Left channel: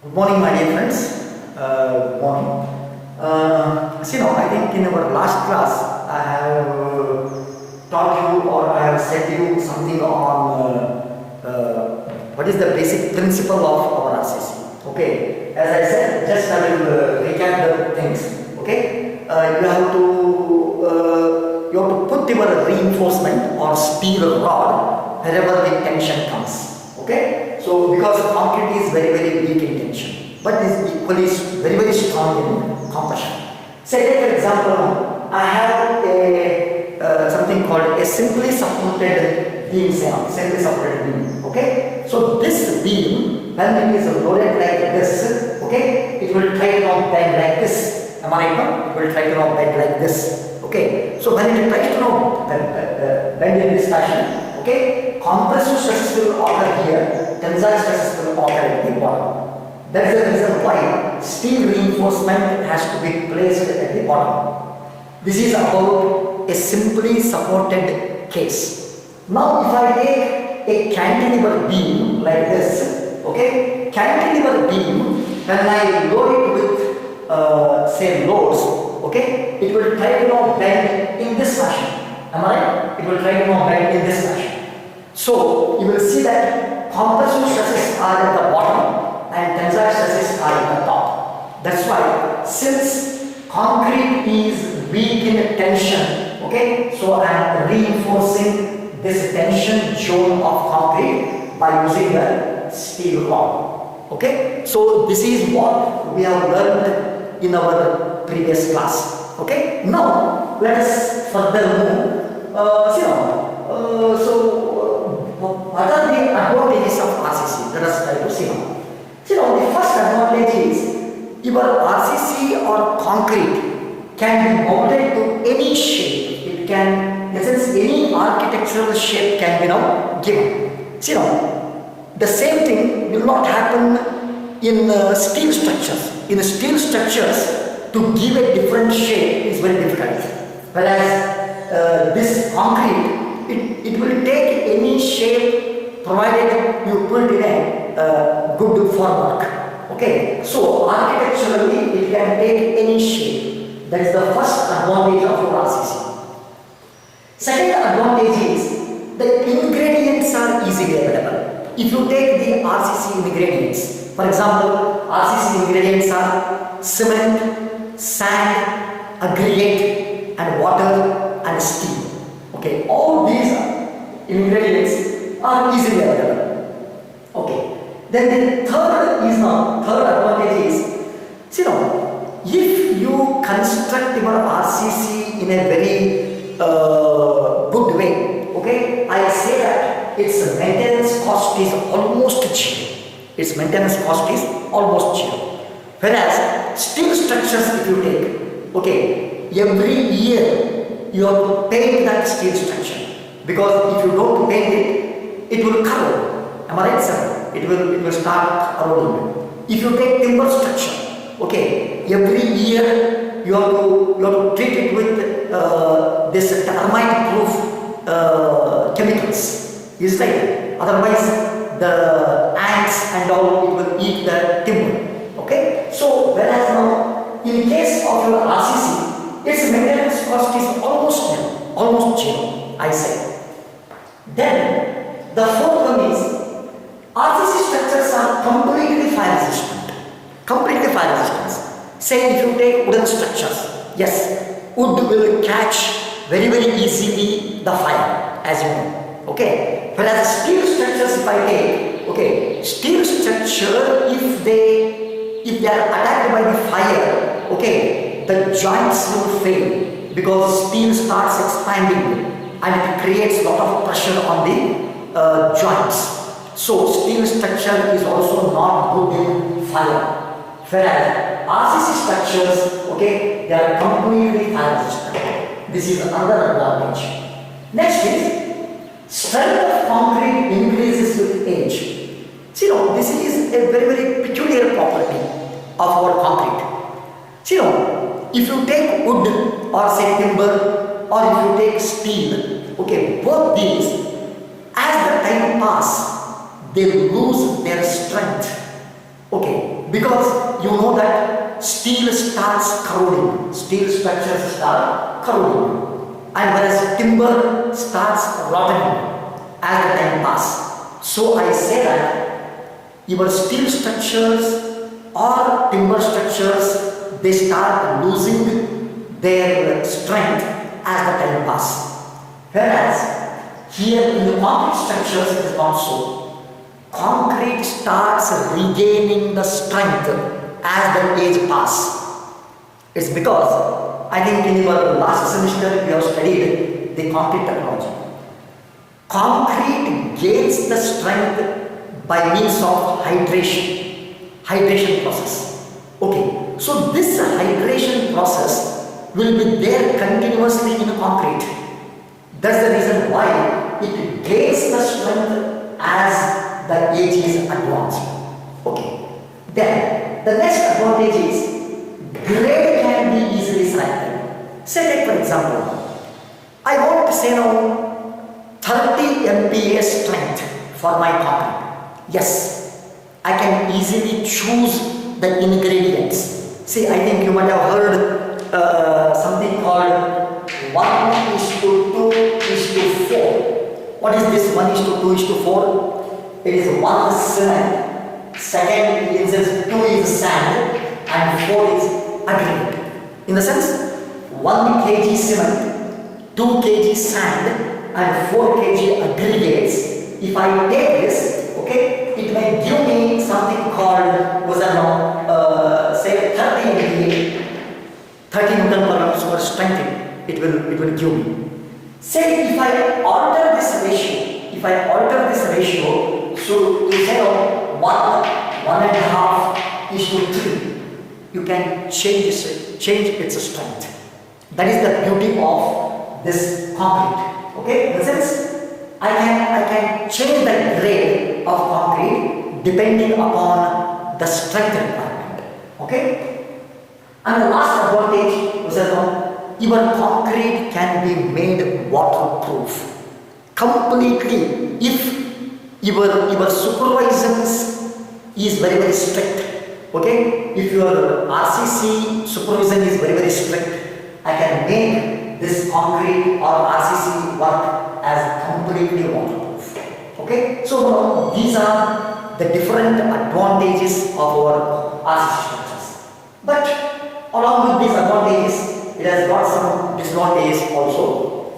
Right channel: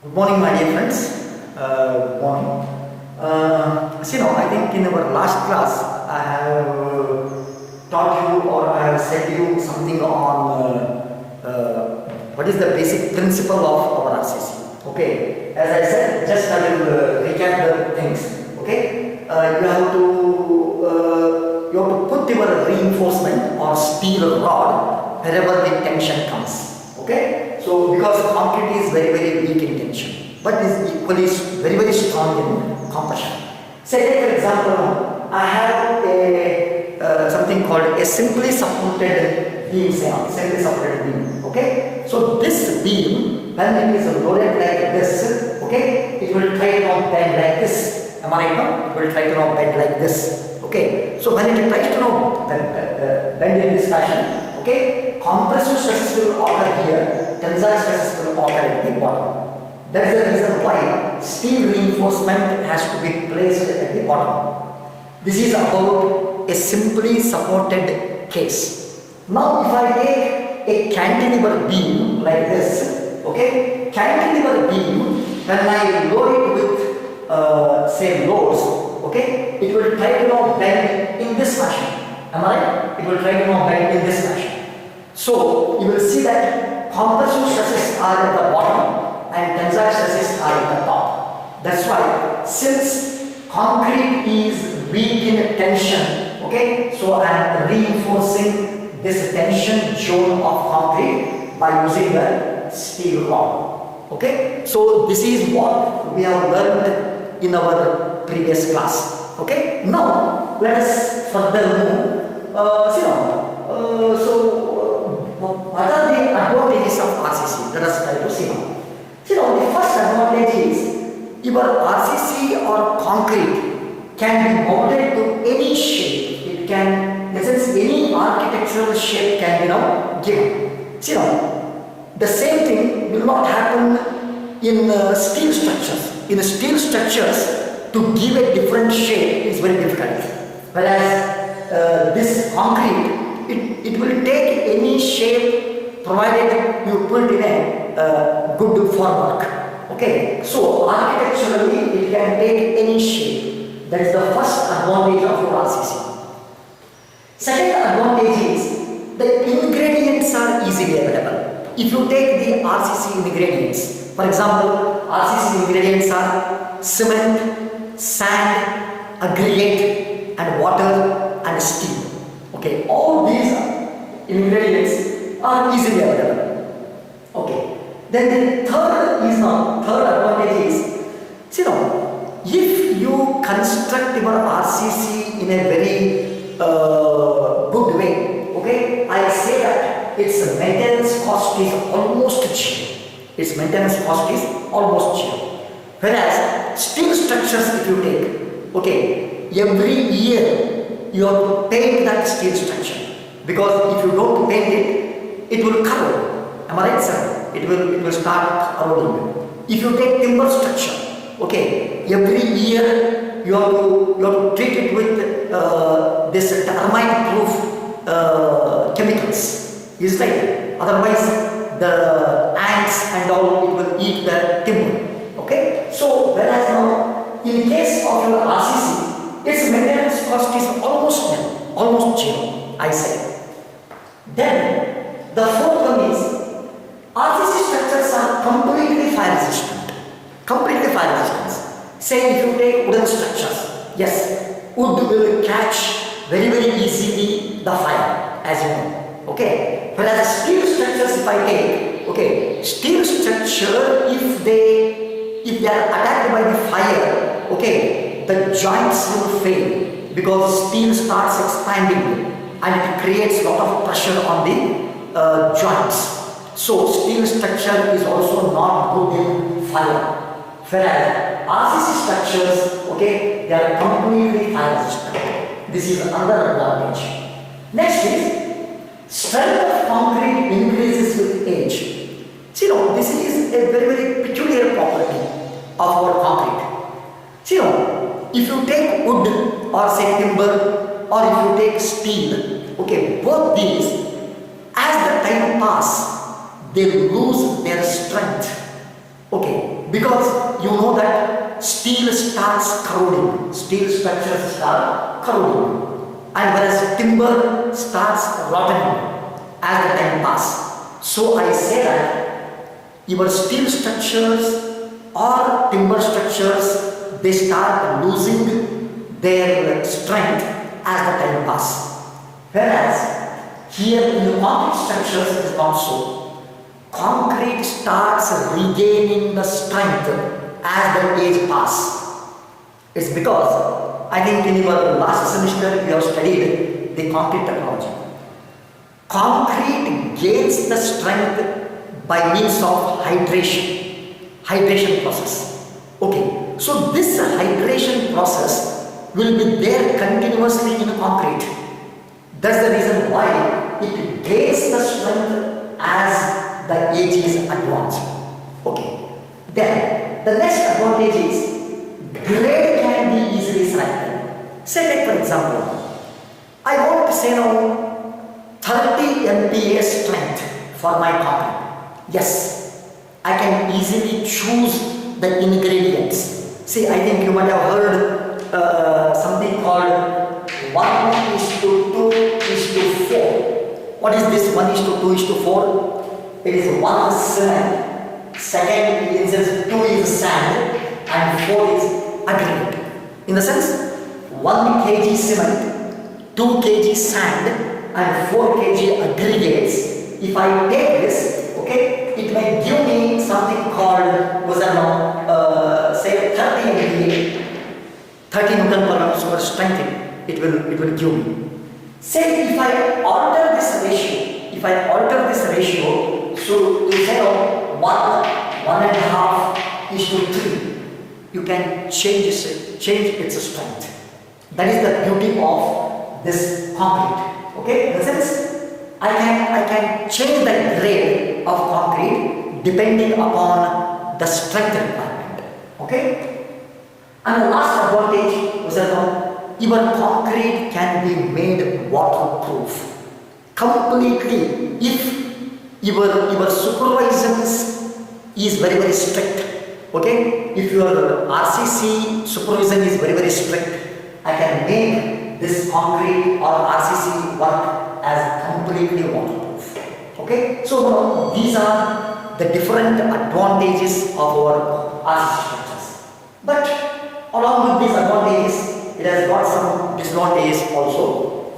Good morning, my dear friends. Good morning. I think in our last class, I have taught you or I have said you something on what is the basic principle of our RCC. Okay, as I said, just I will recap the things. Okay, you have to put your reinforcement or steel rod wherever the tension comes. Okay, so because concrete is very weak in tension, but is equally very strong in compression. Say take for example, I have a something called a simply supported beam. Simply supported beam. Okay, so this beam, when it is loaded like this, okay, it will try to now bend like this. Am I right now? It will try to now bend like this. Okay, so when it tries to now bend in this fashion, okay, compressive stresses will occur here, tensile stresses will occur at the bottom. That is the reason why steel reinforcement has to be placed at the bottom. This is about a simply supported case. Now if I take a cantilever beam like this, okay, cantilever beam, when I load it with say loads, okay, it will try to now bend in this fashion. Am I right? It will try to now bend in this fashion. So you will see that compressive stresses are at the bottom and tensile stresses are at the top. That's why since concrete is weak in tension, okay, so I am reinforcing this tension zone of concrete by using the steel rod. Okay, so this is what we have learned in our previous class. Okay, now let us further move. What are the advantages of RCC? Let us try to see now. The first advantage is your RCC or concrete can be molded to any shape. It can, in a sense, any architectural shape can be now given. The same thing will not happen in steel structures. In steel structures, to give a different shape is very difficult. Whereas this concrete, it will take any shape provided you put in a good formwork. Okay, so architecturally it can take any shape. That is the first advantage of your RCC. Second advantage is the ingredients are easily available. If you take the RCC ingredients, for example, RCC ingredients are cement, sand, aggregate, and water and steel. Okay, all these ingredients are easily available. Okay, then the third advantage is, if you construct your RCC in a very good way, okay, I say that its maintenance cost is almost zero. Its maintenance cost is almost zero. Whereas steel structures, if you take, okay, every year you have to paint that steel structure, because if you don't paint it, it will corrode. Am I right, sir? It will start corroding. If you take timber structure, okay, every year you have to treat it with this termite-proof chemicals. Is right. Otherwise, the ants and all it will eat the timber. Okay. So whereas now, in case of your RCC, its maintenance cost is almost nil, almost zero, I say. Then the fourth one is RCC structures are completely fire resistant. Completely fire resistant. Say if you take wooden structures, yes, wood will catch very easily the fire, as you know. Okay. Whereas steel structures, if I take, okay, steel structure, if they are attacked by the fire, okay, the joints will fail because steel starts expanding and it creates a lot of pressure on the joints. So steel structure is also not good in fire. Whereas RCC structures, okay, they are completely fire resistant. This is another advantage. Next is strength of concrete increases with age. This is a very peculiar property of our concrete. If you take wood or say timber or if you take steel, okay, both these, as the time pass, they lose their strength. Okay, because you know that steel starts corroding, steel structures start corroding, and whereas timber starts rotting as the time passes. So I say that your steel structures or timber structures, they start losing their strength as the time passes. Whereas here in the concrete structures it is not so. Concrete starts regaining the strength as the age passes. It's because I think in your last semester you have studied the concrete technology. Concrete gains the strength by means of hydration process. Okay, so this hydration process will be there continuously in concrete. That's the reason why it gains the strength as the age is advanced. Okay, then the next advantage is grade can be easily selected. Say like for example, I want to say now 30 MPa strength for my concrete. Yes, I can easily choose the ingredients. See, I think you might have heard something called 1:2:4. What is this 1:2:4? It is 1 cement, second is 2 is sand, and 4 is aggregate. In the sense, 1 kg cement, 2 kg sand, and 4 kg aggregates. If I take this, okay, it may give me something called, say 30 MPa, 30 Newton per super strength. It will give me. Say if I alter this ratio, so to say 1.5:3, you can change its strength. That is the beauty of this concrete. Okay, in the sense I can change the grade of concrete depending upon the strength requirement. Okay, and the last advantage was that your concrete can be made waterproof completely if your supervisions is very strict. Okay, if your RCC supervision is very strict, I can make this concrete or RCC work as completely waterproof. Okay, so now these are the different advantages of our RCC structures. But along with these advantages, it has got some disadvantages also.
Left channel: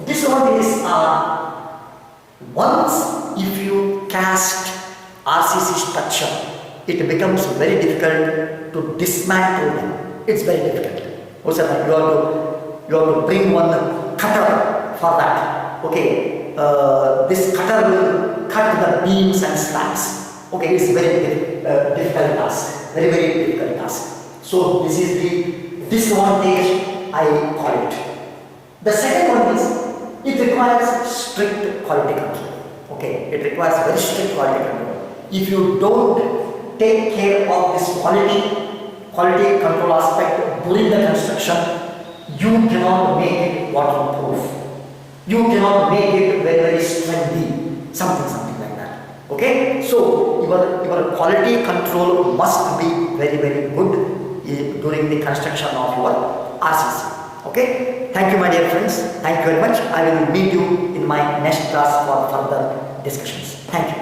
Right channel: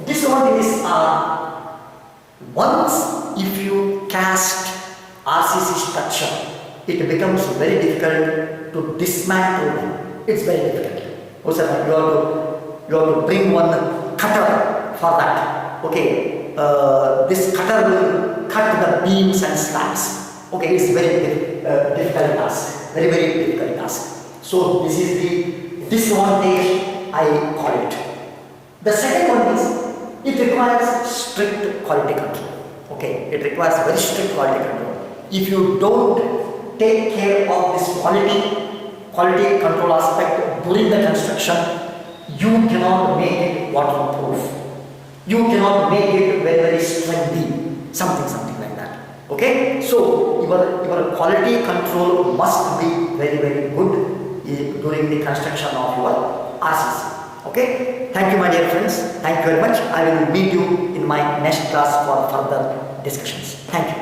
Disadvantages are, once if you cast RCC structure, it becomes very difficult to dismantle them. It's very difficult. Also, you have to bring one cutter for that. Okay, this cutter will cut the beams and slabs. Okay, it's very difficult task. Very difficult task. So this is the disadvantage, I call it. The second one is, it requires strict quality control. Okay, it requires very strict quality control. If you don't take care of this quality control aspect during the construction, you cannot make it waterproof. You cannot make it very strengthy, something like that. Okay, so your quality control must be very good during the construction of your RCC. Okay, thank you my dear friends. Thank you very much. I will meet you in my next class for further discussions. Thank you.